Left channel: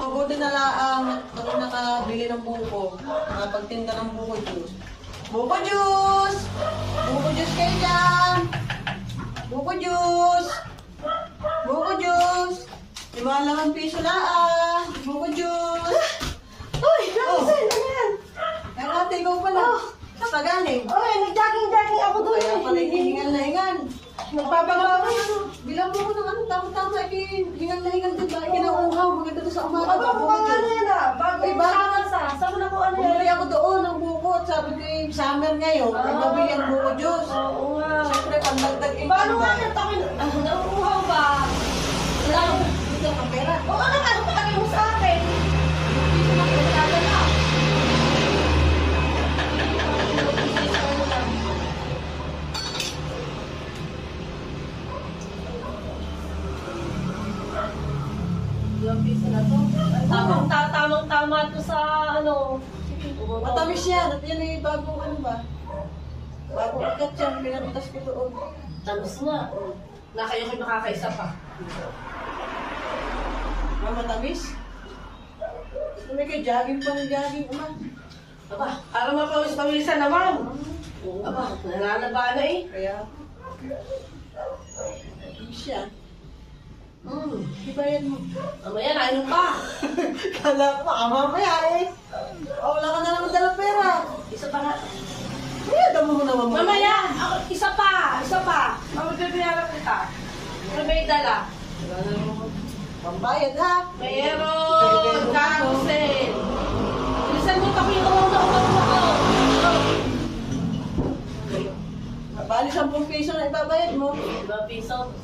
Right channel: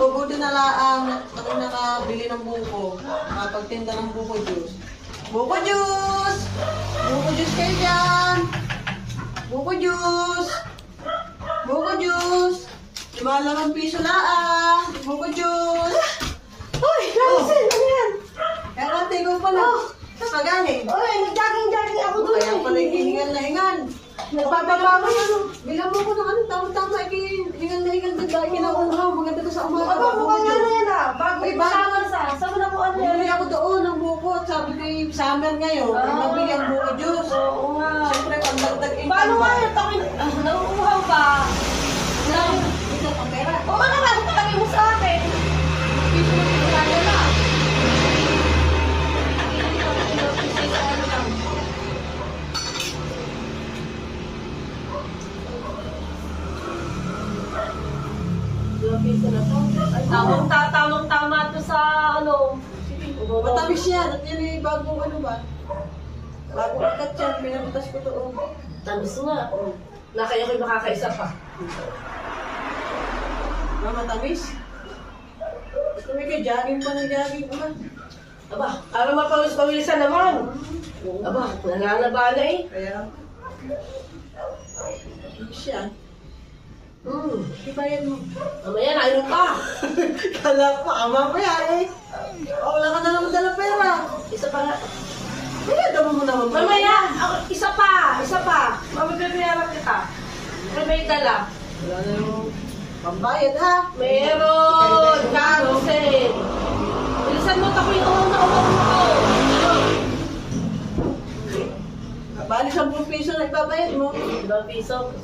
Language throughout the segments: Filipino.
Mabubuti na laang ako nakabili ng buko. Nakapagtinda ng buko juice. Buko juice! Buko juice kayo dyan! Buko juice! Buko juice! 5 piso laang! Buko juice! Uy, Ramsel, ano yan? Kaya kate, ikaw pala. Sa galing. Uy, nag-jogging-jogging ako doon. Kaya pala hihingal na hingal. Nagpapabawi. Bilang mo ko ng ano, tama-tama, hingal na hingal din ba? Kinauuhaw, maganda to sa umaga. Aba, mukhang ano yan ah. Bago Ay, yung bago. summer sa. Saan mo na po ano yan? Bumili ako doon ng buko at sabi ko yung summer ngayon, ay mabili ang buko juice. Oo nga. Siyempre, pagdagdag income Paano ba? nga yan? Ako, nauuhaw ka. Ito ang pera. Oo ano nga, patagay mo sa akin. Piso na yung dadala. Ilang piso na po? Ay, Tamang-tama to sa ano. matamis yan. At yan yung bagong ano ba? Bagong akat yan. Pinabutas ko doon. Tamis nga. Na kayo kayo makakaisa pa. Matamis? Gusto mo kayo, jogging pa ng jogging. Aba, para mapawis-pawisan naman. Aba, nananaba na eh. Kaya, siya. Di ba yan mo? Mamaya, nainom ka. Kala pa, ama pa yan eh. O, wala ka na naman dala pera. Isa pa nga. Kaya, damo mo naman. Mamaya, ako, isa pa. Mamagbabayaran kita. Ano may dala? Wala na yung pambayad ha. Meron! Cancel! Bilisan mo, takwin ko na ako. Bali, 10 piso na ibabayad mo. 5 piso.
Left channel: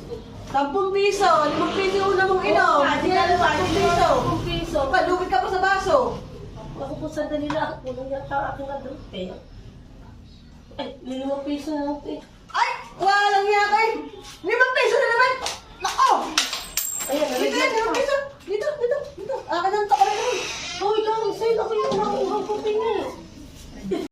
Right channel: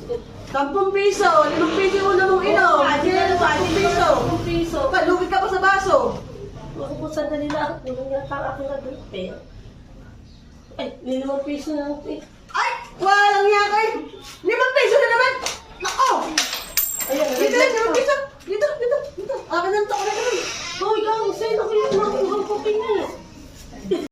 10 piso, 5 piso yung una mong inom. Hindi na 10 piso. 10 piso. Palugi ka pa sa baso. Ako po sandali na ako. Kulang yata ako na doon. Ay, 5 piso na lang. Ay, walang niya ka